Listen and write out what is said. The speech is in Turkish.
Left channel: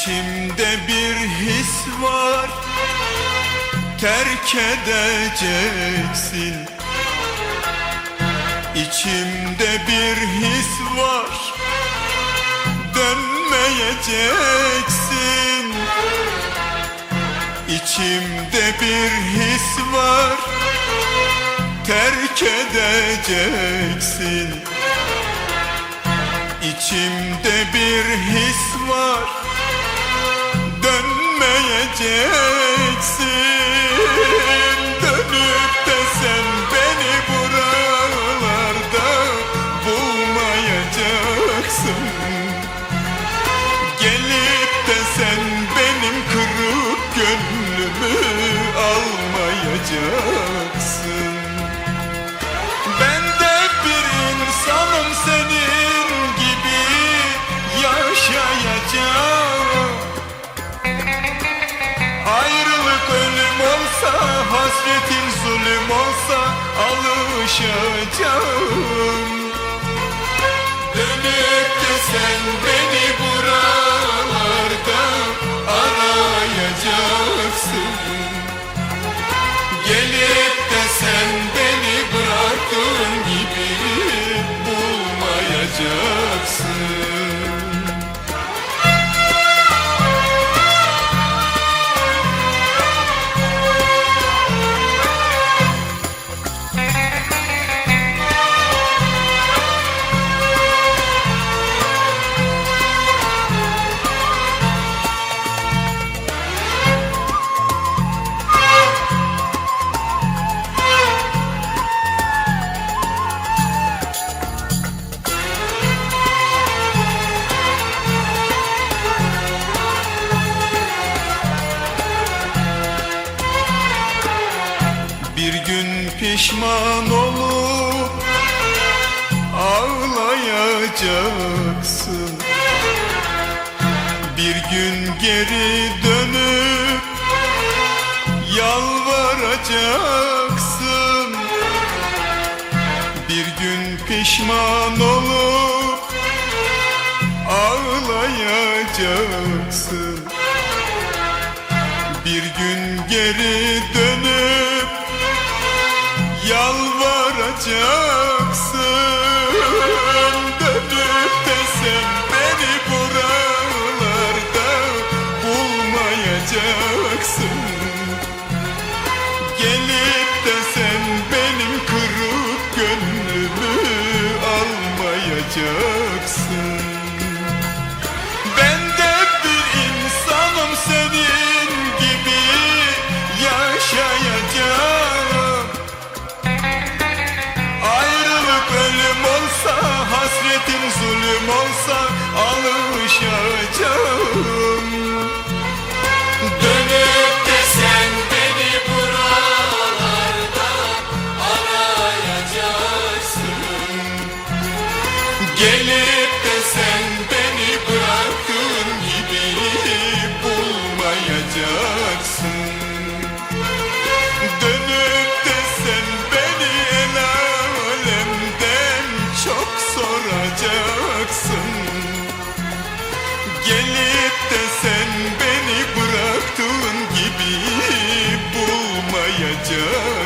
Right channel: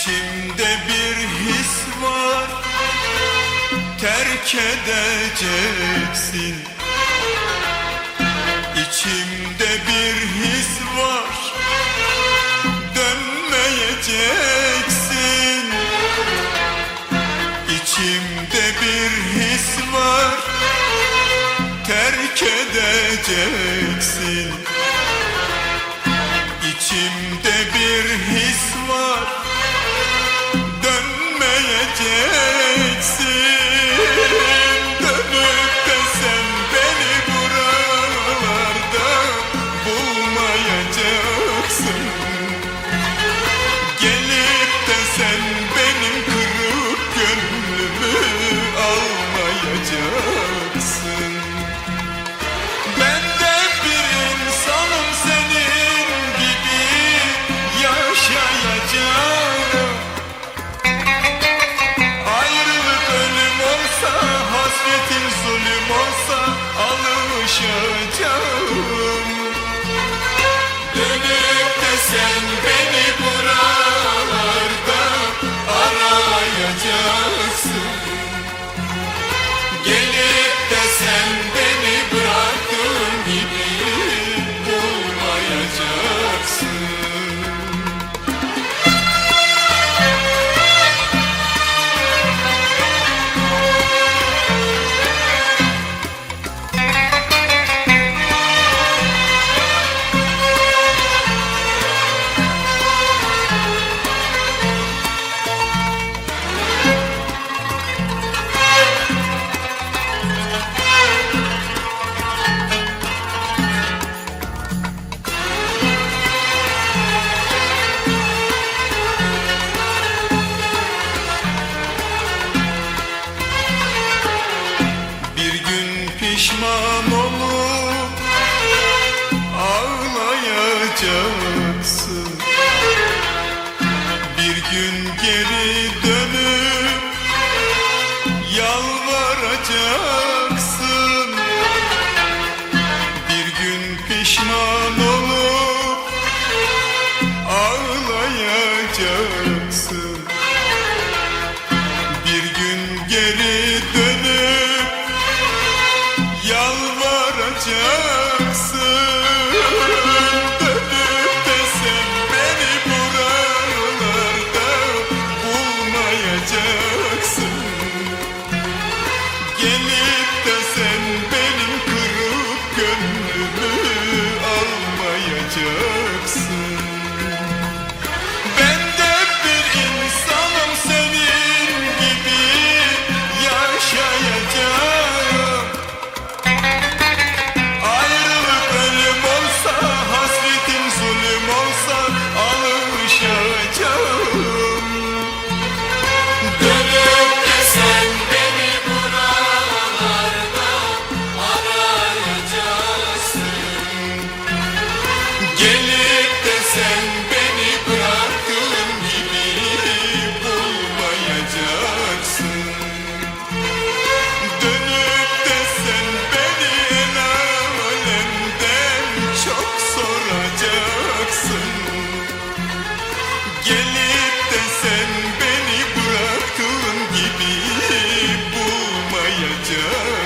İçimde bir his var. Terk edeceksin. İçimde bir his var. Dönmeyeceksin. İçimde bir his var. Terk edeceksin. İçimde bir his var. Dönmeyeceksin Dönüp de sen beni buralarda bulmayacaksın. Gelip de sen benim kırık gönlümü hasretin zulüm olsa alışacağım. Dönüp de sen beni buralarda arayacaksın. Gelip de sen beni pişman olup ağlayacaksın. Bir gün geri dönüp yalvaracaksın. Bir gün pişman olup ağlayacaksın. Bir gün geri dönüp yalvaracaksın. Dönüp de sen beni buralarda bulmayacaksın. Gelip de sen benim kırık gönlümü almayacaksın. Ben de bir insanım senin gibi yaşayacağım olsa hasretin zulüm olsa alışacağım beni bıraktığın gibi bulmayacaksın